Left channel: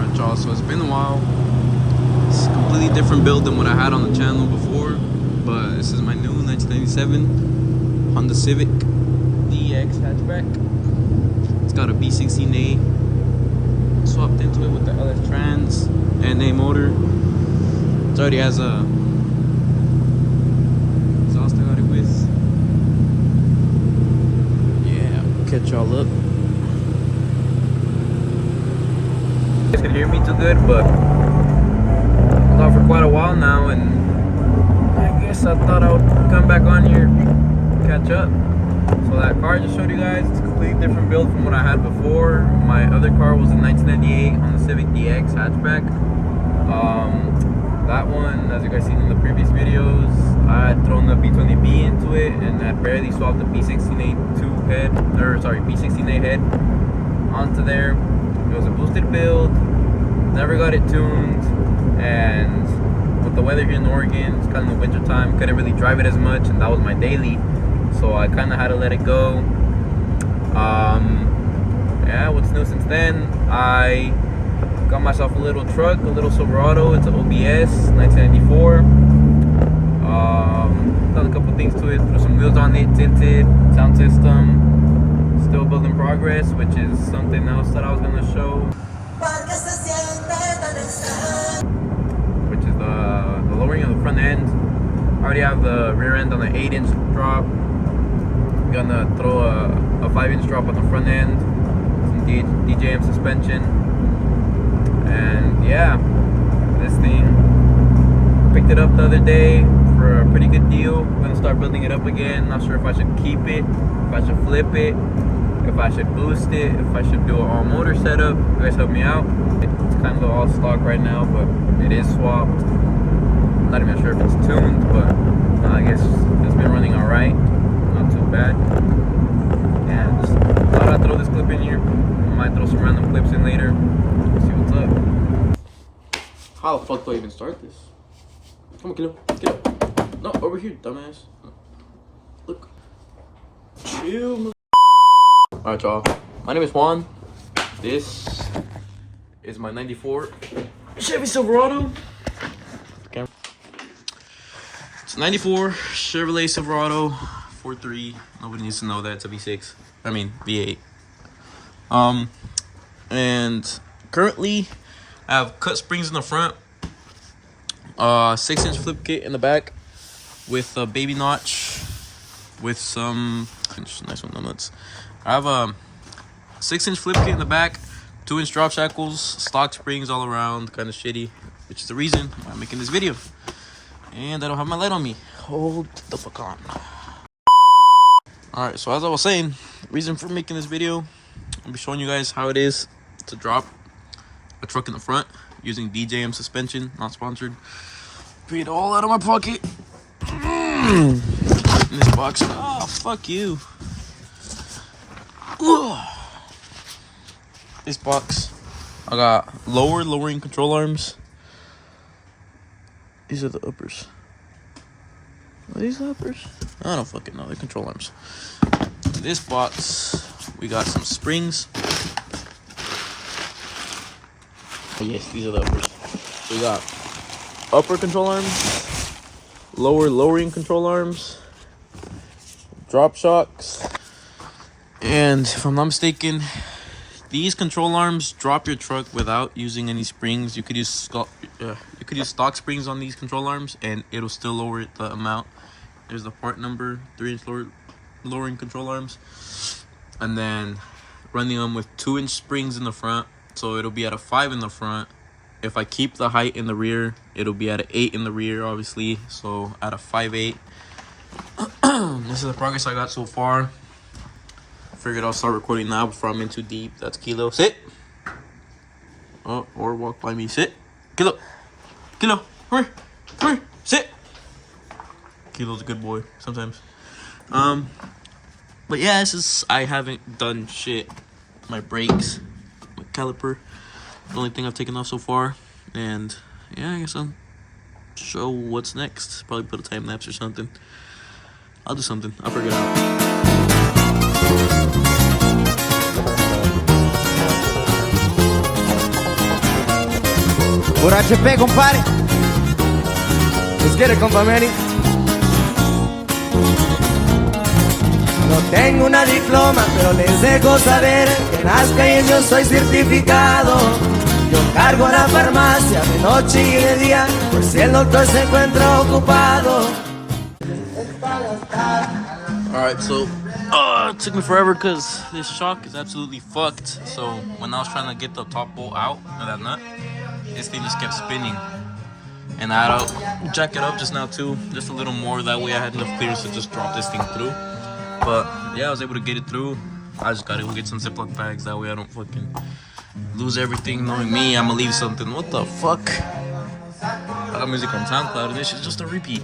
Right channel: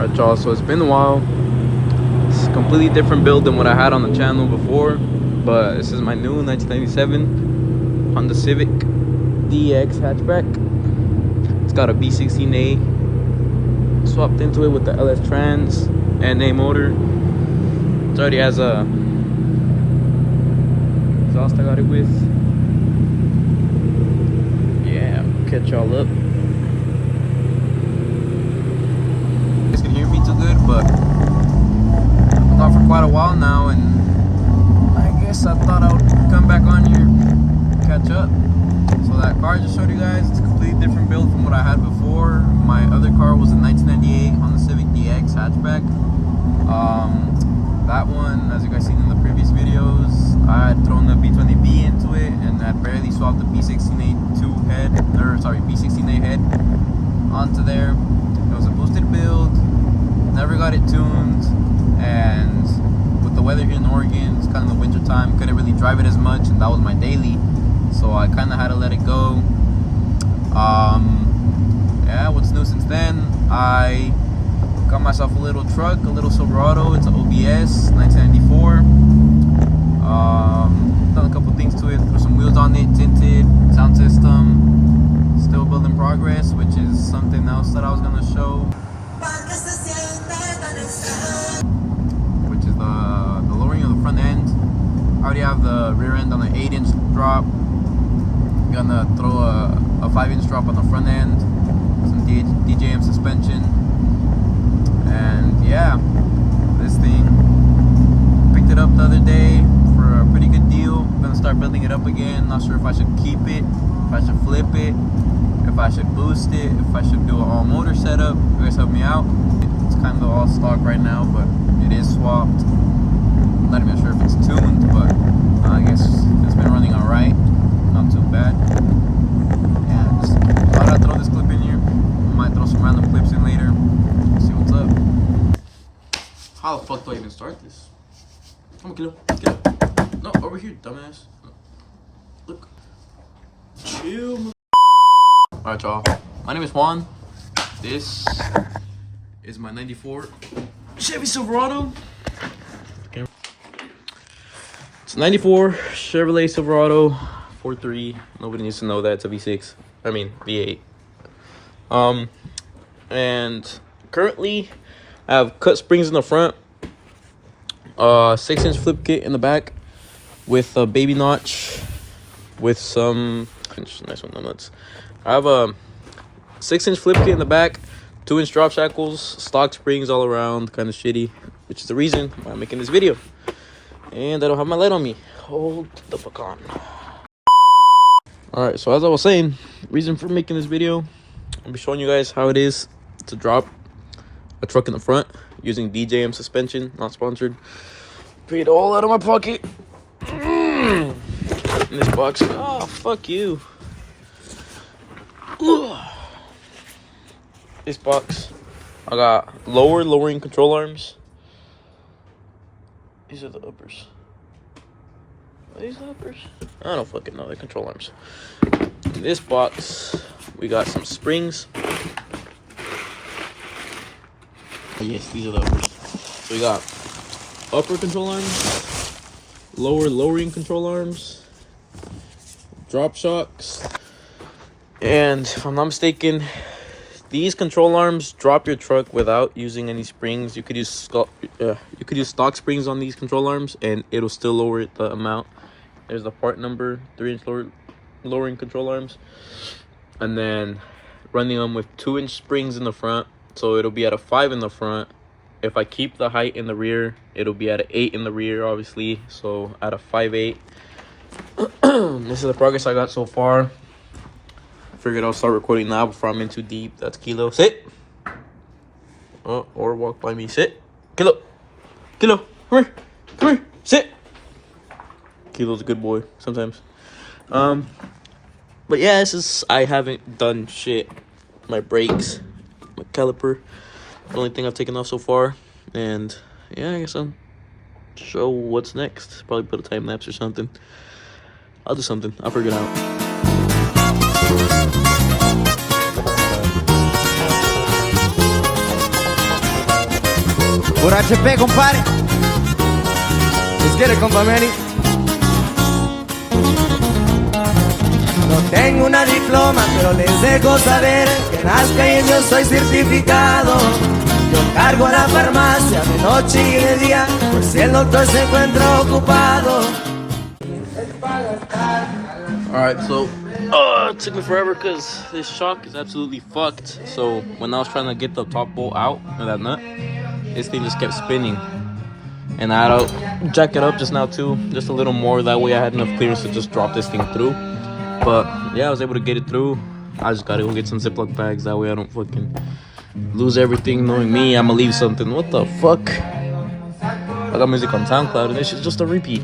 Alright y'all, so it's been a while. It's a completely different build than what I had on the channel before, but this is my new 1997 Honda Civic DX hatchback. It's got a V16A swapped into it with the LF Trans and A motor. It already has a exhaust I got it with. Yeah, catch y'all up. You guys can hear me too good, but I've been for quite a while now, and I guess I thought I would come back on here, catch up. So that car I just showed you guys, it's a completely different build from what I had before. My other car was a 1998 Honda Civic DX hatchback. That one, as you guys seen in the previous videos, I had thrown the B20B into it and I barely swapped the B16A2 head, or sorry, B16A head onto there. It was a boosted build, never got it tuned, and with the weather here in Oregon, it's kind of the winter time, couldn't really drive it as much, and that was my daily, so I kind of had to let it go. Yeah, what's new since then? I got myself a little truck, a little Silverado. It's an OBS 1994. Done a couple things to it, threw some wheels on it, tinted, sound system, still build in progress, which is something else that I was gonna show, which is the lowering of the front end. I already have the rear end on an 8-inch drop. I'm gonna throw a 5-inch drop on the front end, some DJM suspension, and yeah, this thing, picked it up the other day for a pretty good deal. I'm gonna start building it up again. Not sure if I should keep it, if I should flip it, if I should boost it, if I should do an all motor setup. You guys help me out. It's kind of all stock right now, but it is swapped. I'm not even sure if it's tuned, but I guess it's been running all right, not too bad. Yeah, just thought I'd throw this clip in here. I might throw some random clips in later. See what's up. How the fuck do I even start this? Come on, get up, get up. No, over here, dumbass. Look. Alright, y'all. My name is Juan. This is my 94 Chevy Silverado. Okay. It's 94 Chevrolet Silverado 4.3. Nobody needs to know that it's a V6. I mean V8. And currently I have cut springs in the front, 6-inch flip kit in the back with a baby notch with some nice one, no nuts. I have a 6-inch flip kit in the back, 2-inch drop shackles, stock springs all around, kind of shitty, which is the reason why I'm making this video. And I don't have my light on me. Hold the fuck on. Alright, so as I was saying, reason for making this video, I'll be showing you guys how it is to drop a truck in the front using DJM suspension, not sponsored. Paid all out of my pocket. In this box. Oh, fuck you. This box, I got lowering control arms. These are the uppers. Are these the uppers? I don't fucking know. They're control arms. In this box, we got some springs. Oh, yes, these are the uppers. So we got upper control arms, lowering control arms, drop shocks, and if I'm not mistaken, these control arms drop your truck without using any springs. You could use stock springs on these control arms, and it'll still lower it the amount. There's the part number, 3-inch lowering control arms, and then running them with 2-inch springs in the front, so it'll be at a 5 in the front. If I keep the height in the rear, it'll be at an 8 in the rear, obviously, so at a 5.8. This is the progress I got so far. Figured I'll start recording now before I'm in too deep. That's Kilo. Sit. Oh, or walk by me. Sit. Kilo. Kilo. Come here. Come here. Sit. Kilo's a good boy sometimes. But yeah, this is, I haven't done shit. My brakes, my caliper, the only thing I've taken off so far. And yeah, I guess I'll show what's next. Probably put a time lapse or something. I'll do something. I'll figure it out. Puro HP, compadre. Let's get it, compa Manny. No tengo una diploma, pero les dejo saber que en las calles yo soy certificado. Yo cargo a la farmacia de noche y de día, por si el doctor se encuentra ocupado. Alright, so it took me forever because this shock is absolutely fucked. So when I was trying to get the top bolt out of that nut, this thing just kept spinning. And I had to jack it up just now too, just a little more. That way I had enough clearance to just drop this thing through. But yeah, I was able to get it through. I just gotta go get some Ziploc bags. That way I don't fucking lose everything. Knowing me, I'ma leave something. What the fuck? I got music on SoundCloud and this shit's just a repeat.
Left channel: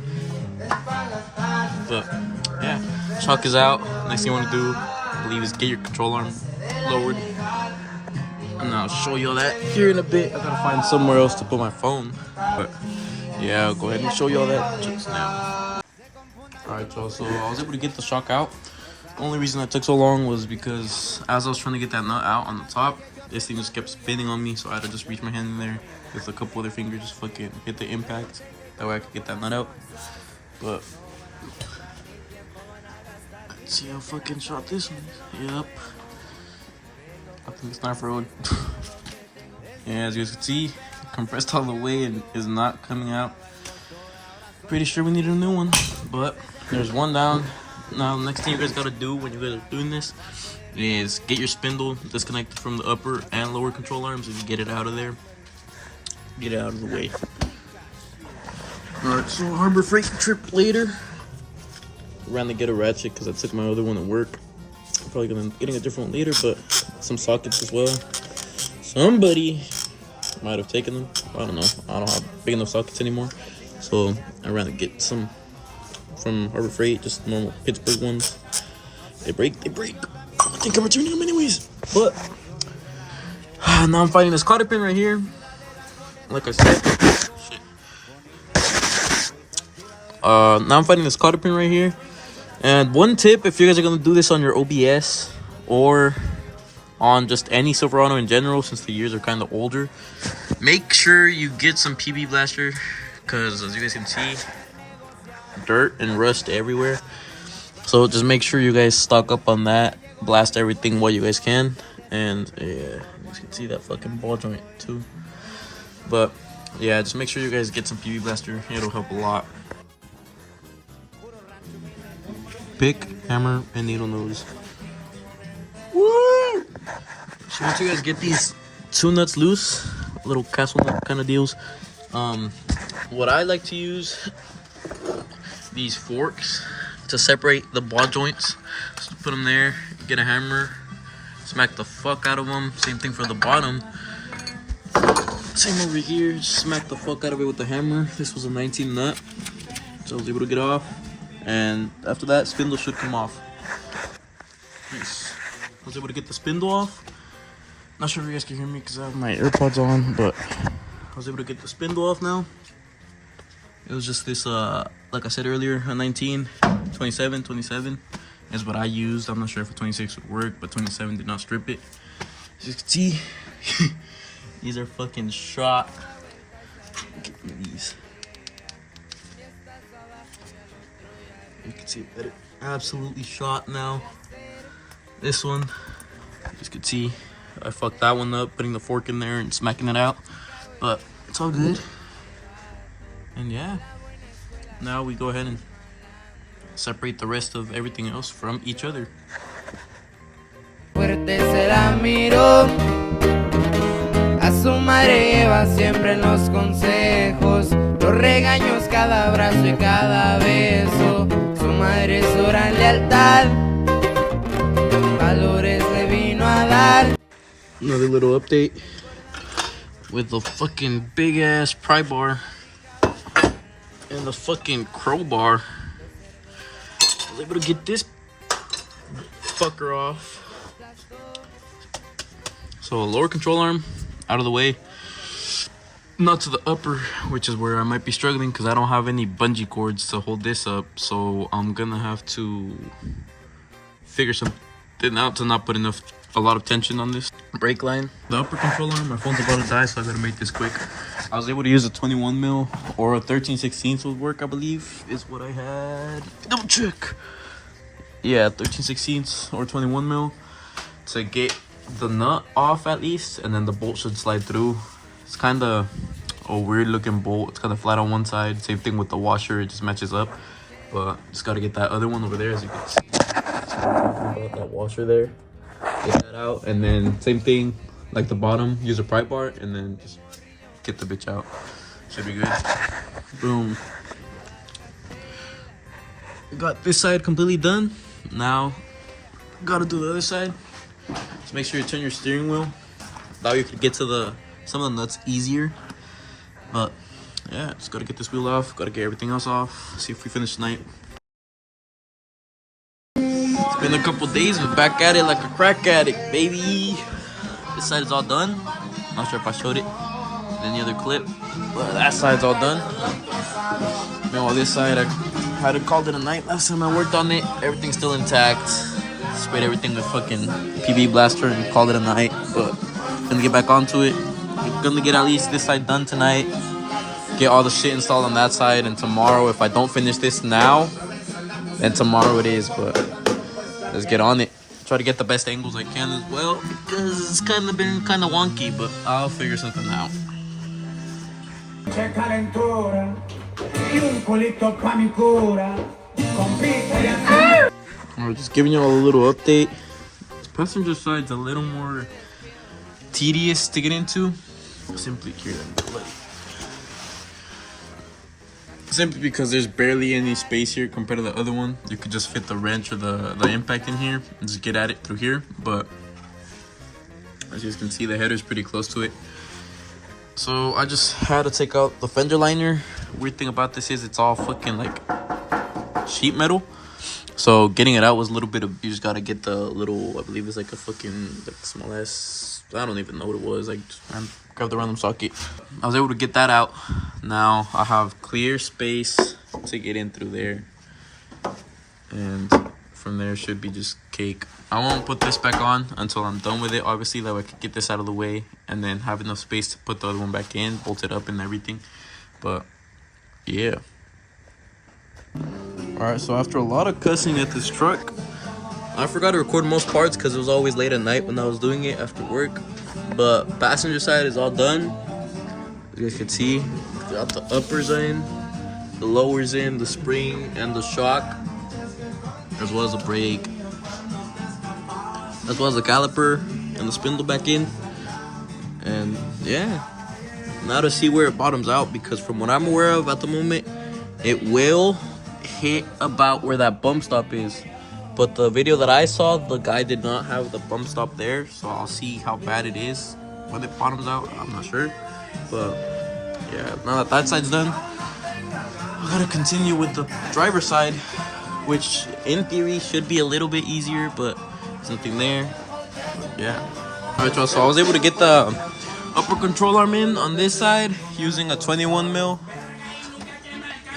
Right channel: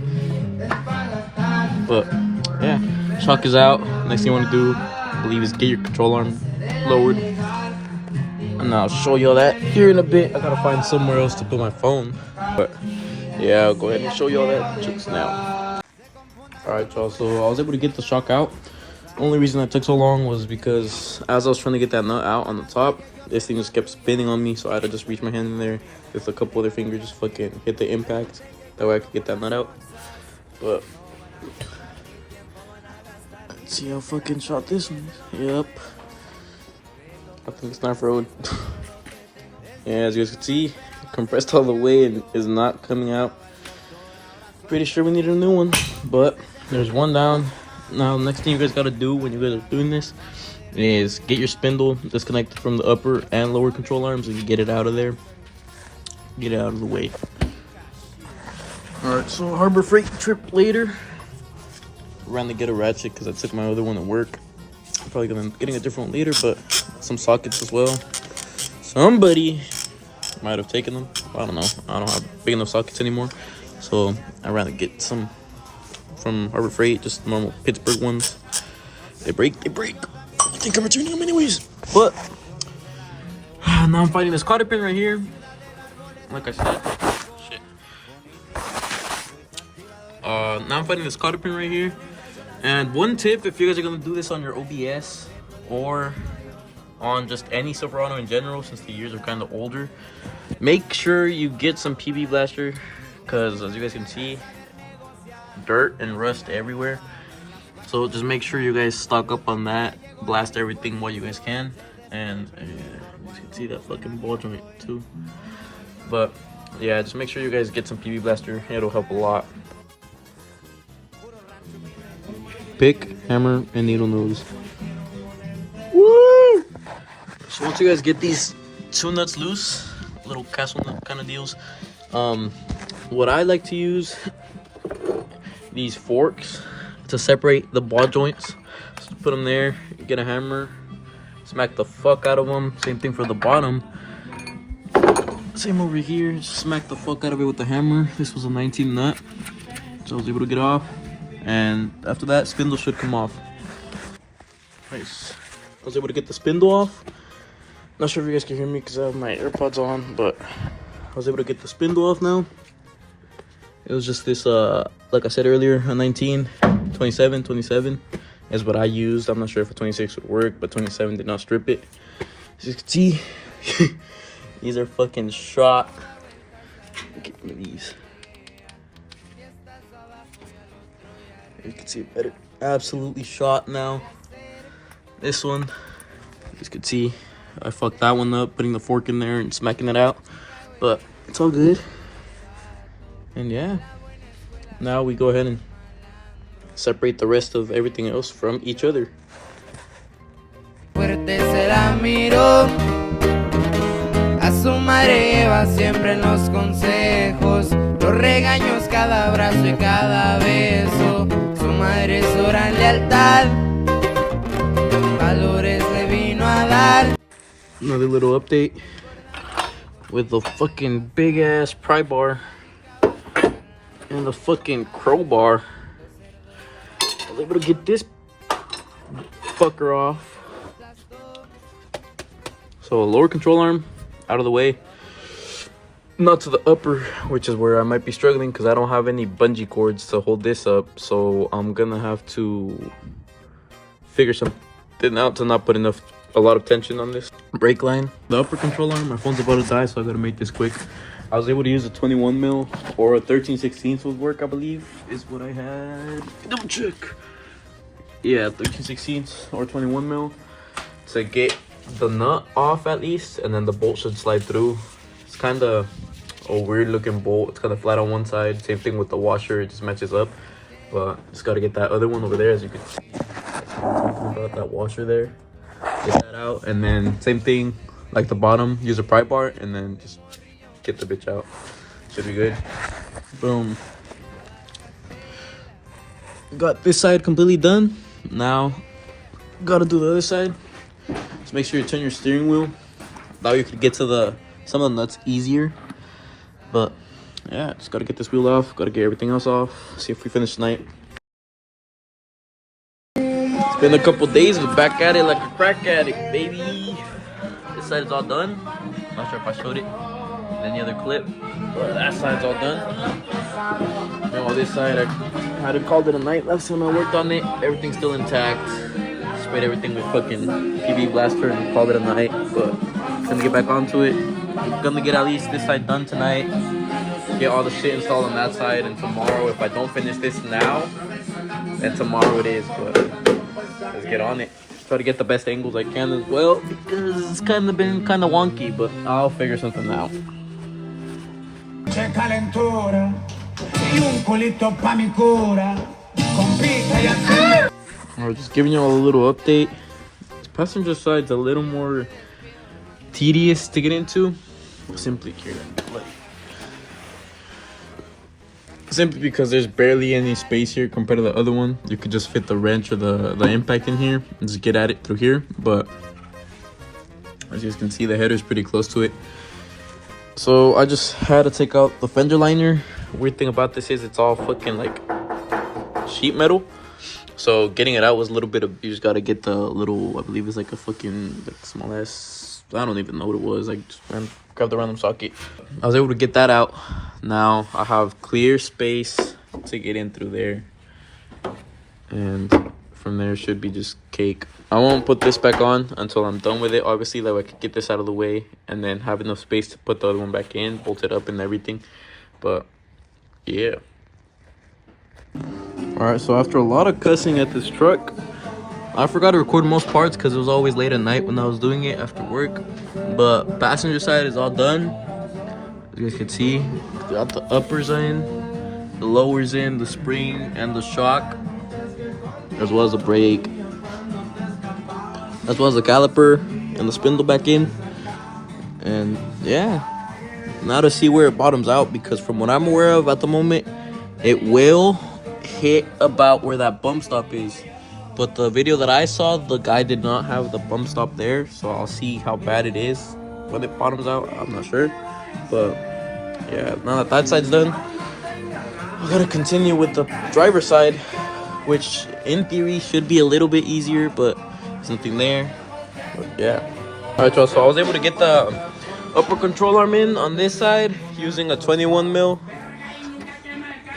But yeah, shock is out. Next thing you wanna do, I believe, is get your control arm lowered. And I'll show you all that here in a bit. I gotta find somewhere else to put my phone. But yeah, I'll go ahead and show you all that just now. Alright, y'all, so I was able to get the shock out. Only reason that took so long was because as I was trying to get that nut out on the top, this thing just kept spinning on me, so I had to just reach my hand in there with a couple other fingers, just fucking hit the impact. That way I could get that nut out. But let's see how fucking shot this one is. Yep. I think it's not road. Yeah, as you guys can see, compressed all the way and is not coming out. Pretty sure we need a new one, but there's one down. Now, next thing you guys gotta do when you guys are doing this is get your spindle disconnected from the upper and lower control arms. If you get it out of there, get it out of the way. Alright, so Harbor Freight trip later. Ran to get a ratchet because I took my other one to work. I'm probably gonna be getting a different one later, but some sockets as well. Somebody might have taken them. I don't know. I don't have big enough sockets anymore. So I ran to get some from Harbor Freight, just normal Pittsburgh ones. They break. I think I'm returning them anyways. But now I'm finding this cotter pin right here. Like I said, shit. Now I'm finding this cotter pin right here. And one tip, if you guys are gonna do this on your OBS or on just any Silverado in general, since the years are kind of older, make sure you get some PB blaster, because as you guys can see, dirt and rust everywhere. So just make sure you guys stock up on that, blast everything what you guys can. And yeah, you can see that fucking ball joint too. But yeah, just make sure you guys get some PB blaster. It'll help a lot. Pick, hammer, and needle nose. Woo! So once you guys get these two nuts loose, little castle nut kind of deals, what I like to use, these forks to separate the ball joints. Just put them there, get a hammer, smack the fuck out of them. Same thing for the bottom. Same over here, smack the fuck out of it with the hammer. This was a 19 nut, so I was able to get off. And after that, spindle should come off. Nice. I was able to get the spindle off. Not sure if you guys can hear me because I have my AirPods on, but I was able to get the spindle off now. It was just this, like I said earlier, a 19, 27 is what I used. I'm not sure if a 26 would work, but 27 did not strip it. As you can see, these are fucking shot. Get me these. You can see it better. Absolutely shot now. This one, you guys can see, I fucked that one up, putting the fork in there and smacking it out. But it's all good. And yeah, now we go ahead and separate the rest of everything else from each other. Fuerte se la miró, a su madre lleva siempre en los consejos, los regaños, cada abrazo y cada beso. Su madre es hora lealtad, valores le vino a dar. Another little update with the fucking big ass pry bar and the fucking crowbar. I was able to get this fucker off. So lower control arm out of the way, not to the upper, which is where I might be struggling because I don't have any bungee cords to hold this up. So I'm gonna have to figure something out to not put enough a lot of tension on this brake line. The upper control arm, my phone's about to die, so I gotta make this quick. I was able to use a 21 mil or a 13/16 would work, I believe, is what I had. Double check. Yeah, 13/16 or 21 mil to get the nut off at least, and then the bolt should slide through. It's kind of a weird looking bolt. It's kind of flat on one side. Same thing with the washer, it just matches up. But just gotta get that other one over there, as you can see. About that washer there, get that out, and then same thing like the bottom, use a pry bar, and then just get the bitch out. Should be good. Boom. Got this side completely done. Now gotta do the other side. Just make sure you turn your steering wheel. Now you can get to some of the nuts easier. But yeah, just gotta get this wheel off, gotta get everything else off. See if we finish tonight. It's been a couple days, but back at it like a crack addict, baby. This side is all done. Not sure if I showed it in any other clip, but that side's all done. Meanwhile, this side, I had to call it a night. Last time I worked on it, everything's still intact. Sprayed everything with fucking PB blaster and called it a night. But gonna get back onto it. I'm gonna get at least this side done tonight. Get all the shit installed on that side, and tomorrow, if I don't finish this now, then tomorrow it is. But let's get on it. Try to get the best angles I can as well, because it's kind of been kind of wonky, but I'll figure something out. Alright, just giving you all a little update. This passenger side's a little more tedious to get into. Simply because there's barely any space here compared to the other one. You could just fit the wrench or the impact in here and just get at it through here. But as you can see, the header's pretty close to it. So I just had to take out the fender liner. Weird thing about this is it's all fucking like sheet metal. So getting it out was a little bit of, you just gotta get the little, I believe it's like a fucking smallest, I don't even know what it was, like grabbed the random socket. I was able to get that out. Now I have clear space to get in through there, and from there should be just cake. I won't put this back on until I'm done with it, obviously, that way I could get this out of the way and then have enough space to put the other one back in, bolt it up and everything. But yeah. Alright, so after a lot of cussing at this truck, I forgot to record most parts because it was always late at night when I was doing it after work. But passenger side is all done. As you guys can see, got the uppers in, the lowers in, the spring and the shock, as well as the brake, as well as the caliper and the spindle back in. And yeah, now to see where it bottoms out, because from what I'm aware of at the moment, it will hit about where that bump stop is. But the video that I saw, the guy did not have the bump stop there, so I'll see how bad it is when it bottoms out. I'm not sure, but yeah, now that that side's done, I gotta continue with the driver's side, which in theory should be a little bit easier, but there's nothing there. But yeah. Alright, y'all, so I was able to get the upper control arm in on this side using a 21 mil.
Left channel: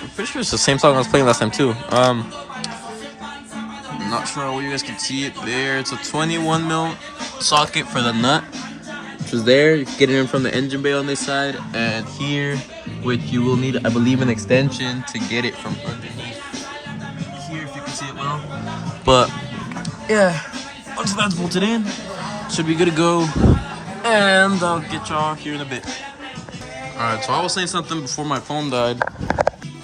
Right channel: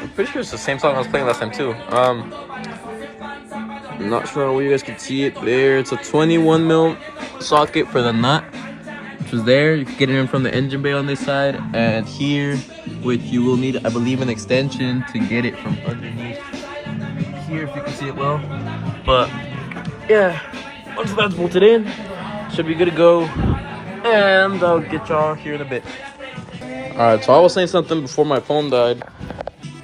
I'm pretty sure it's the same song I was playing last time too. I'm not sure where you guys can see it there. It's a 21 mil socket for the nut, which is there. You can get it in from the engine bay on this side, and here, which you will need, I believe, an extension to get it from underneath here, if you can see it well. But yeah, once that's bolted in, should be good to go, and I'll get y'all here in a bit. Alright, so I was saying something before my phone died.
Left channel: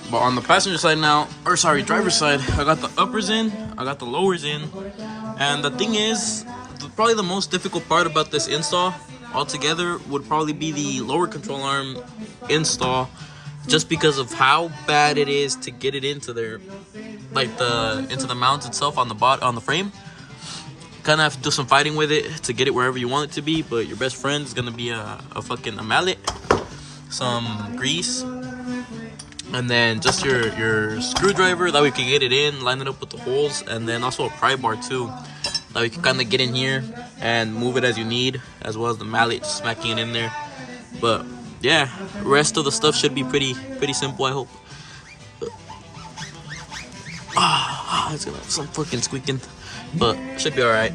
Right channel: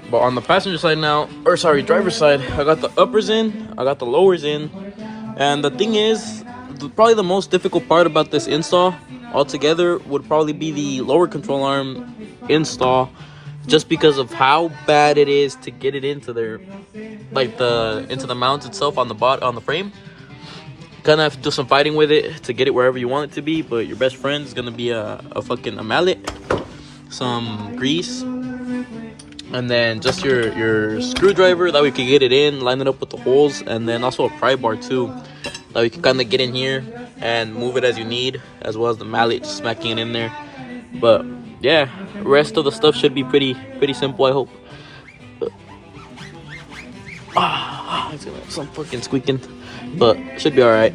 But on the passenger side now, or sorry, driver's side, I got the uppers in, I got the lowers in. And the thing is, probably the most difficult part about this install altogether would probably be the lower control arm install, just because of how bad it is to get it into there, like into the mount itself on the frame. Kind of have to do some fighting with it to get it wherever you want it to be, but your best friend is gonna be a mallet, some grease, and then just your screwdriver, that we can get it in, line it up with the holes, and then also a pry bar too, that we can kind of get in here and move it as you need, as well as the mallet, smacking it in there. But yeah, rest of the stuff should be pretty simple, I hope. It's gonna have some fucking squeaking, but should be all right.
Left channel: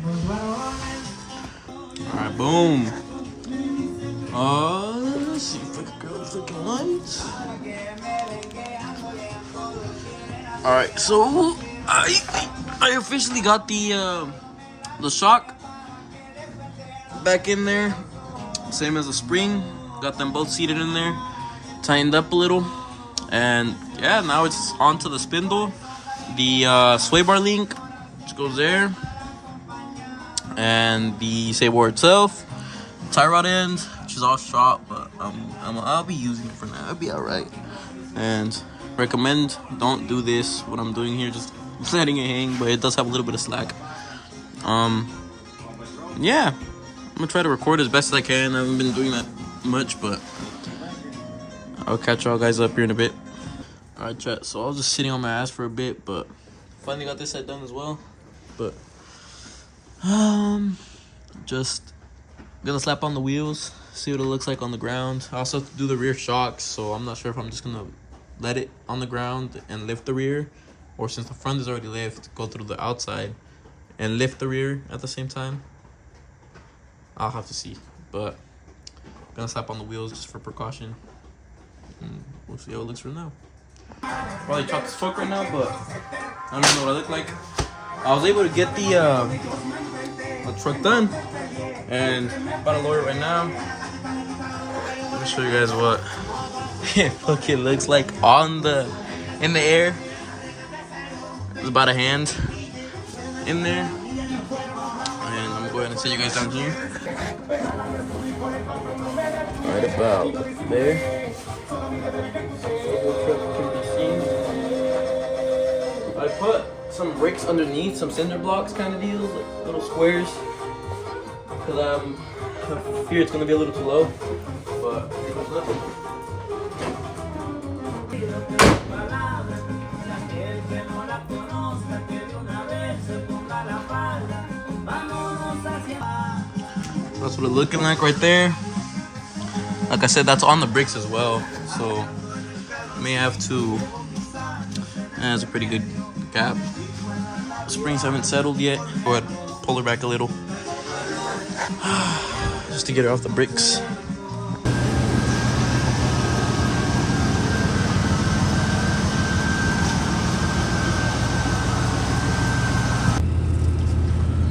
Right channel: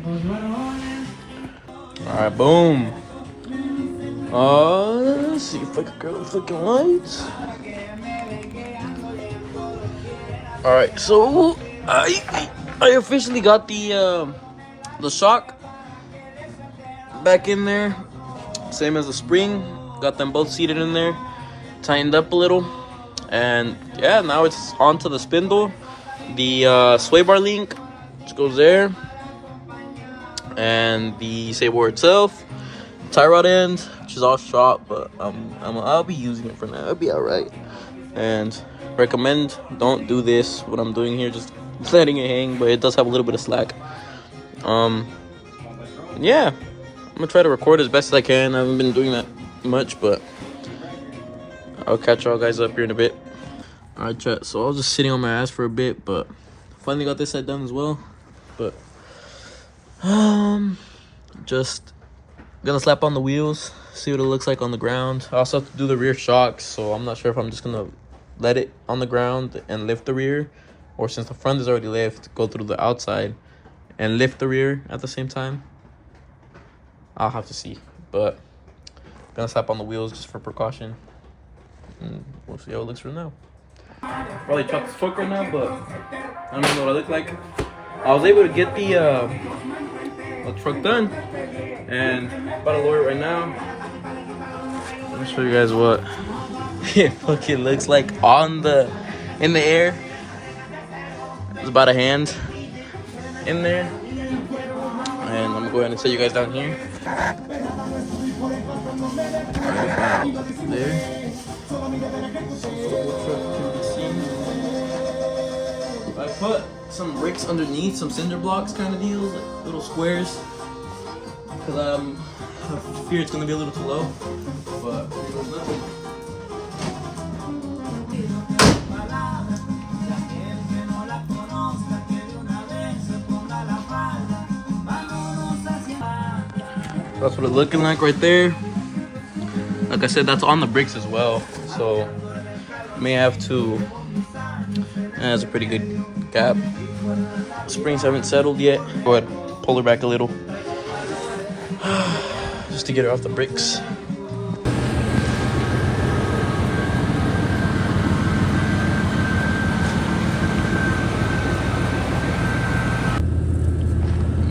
Alright, boom. Let's see if I can grab a fucking light. Alright, so I officially got the shock back in there. Same as the spring. Got them both seated in there. Tightened up a little. And yeah, now it's onto the spindle. The sway bar link, which goes there. And the sway bar itself. Tie rod end, which is all shot, but I'll be using it for now. It'll be alright. And recommend don't do this. What I'm doing here, just letting it hang, but it does have a little bit of slack. Yeah, I'm gonna try to record as best as I can. I haven't been doing that much, but I'll catch y'all guys up here in a bit. Alright, chat. So I was just sitting on my ass for a bit, but finally got this side done as well. But just gonna slap on the wheels, see what it looks like on the ground. I also have to do the rear shocks, so I'm not sure if I'm just gonna let it on the ground and lift the rear, or since the front is already lift, go through the outside and lift the rear at the same time. I'll have to see, but gonna slap on the wheels just for precaution, and we'll see how it looks from now. Probably chopped as fuck right now, but I don't even know what I look like. I was able to get the truck done, and about to lower it right now. Let me show you guys what it fucking looks like in the air. It's about a hand in there, and I'm gonna go ahead and set you guys down here. Right about there. I put some bricks underneath, some cinder blocks kind of deals, like little squares, because I fear it's gonna be a little too low. But that's what it's looking like right there. Like I said, that's on the bricks as well, so may have to. It has a pretty good gap. Springs haven't settled yet. Go ahead, pull her back a little, just to get her off the bricks.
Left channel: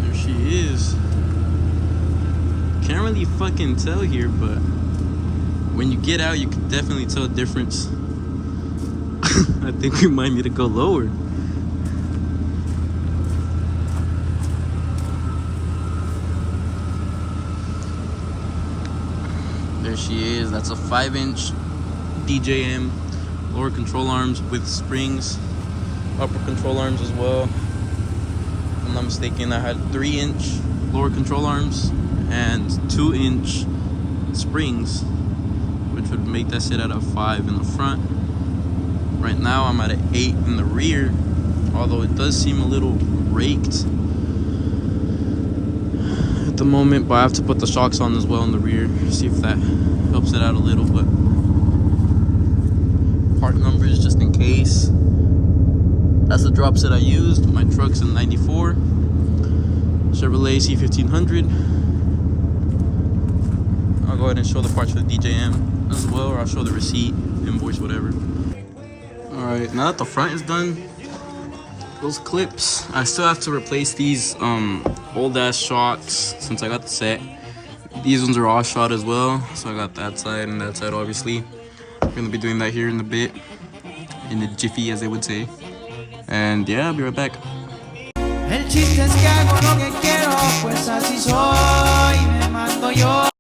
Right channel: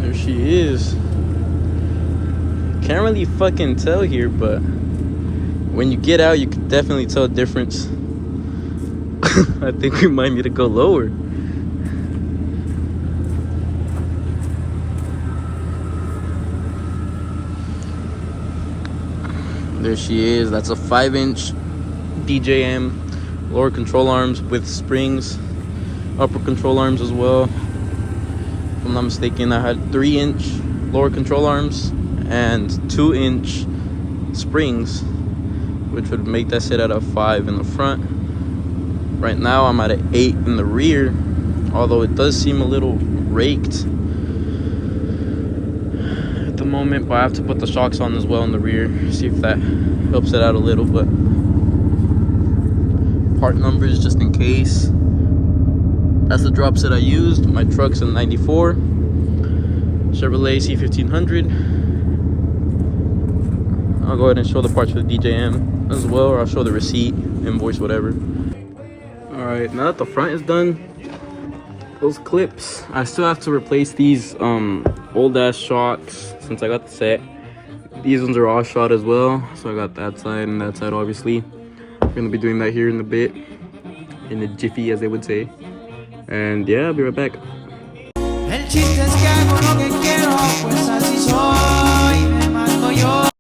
There she is. Can't really fucking tell here, but when you get out, you can definitely tell a difference. I think we might need to go lower. There she is. That's a 5-inch DJM lower control arms with springs, upper control arms as well. If I'm not mistaken, I had 3-inch lower control arms and 2-inch springs, which would make that sit at a 5 in the front. Right now I'm at an 8 in the rear, although it does seem a little raked at the moment, but I have to put the shocks on as well in the rear, see if that helps it out a little. But part numbers just in case. That's the drop set I used. My truck's a 94 Chevrolet C1500. I'll go ahead and show the parts for the DJM as well, or I'll show the receipt, invoice, whatever. Alright, now that the front is done, those clips, I still have to replace these old ass shocks since I got the set. These ones are all shot as well, so I got that side and that side obviously. I'm gonna be doing that here in a bit, in a jiffy as they would say. And yeah, I'll be right back. El chiste es que hago lo que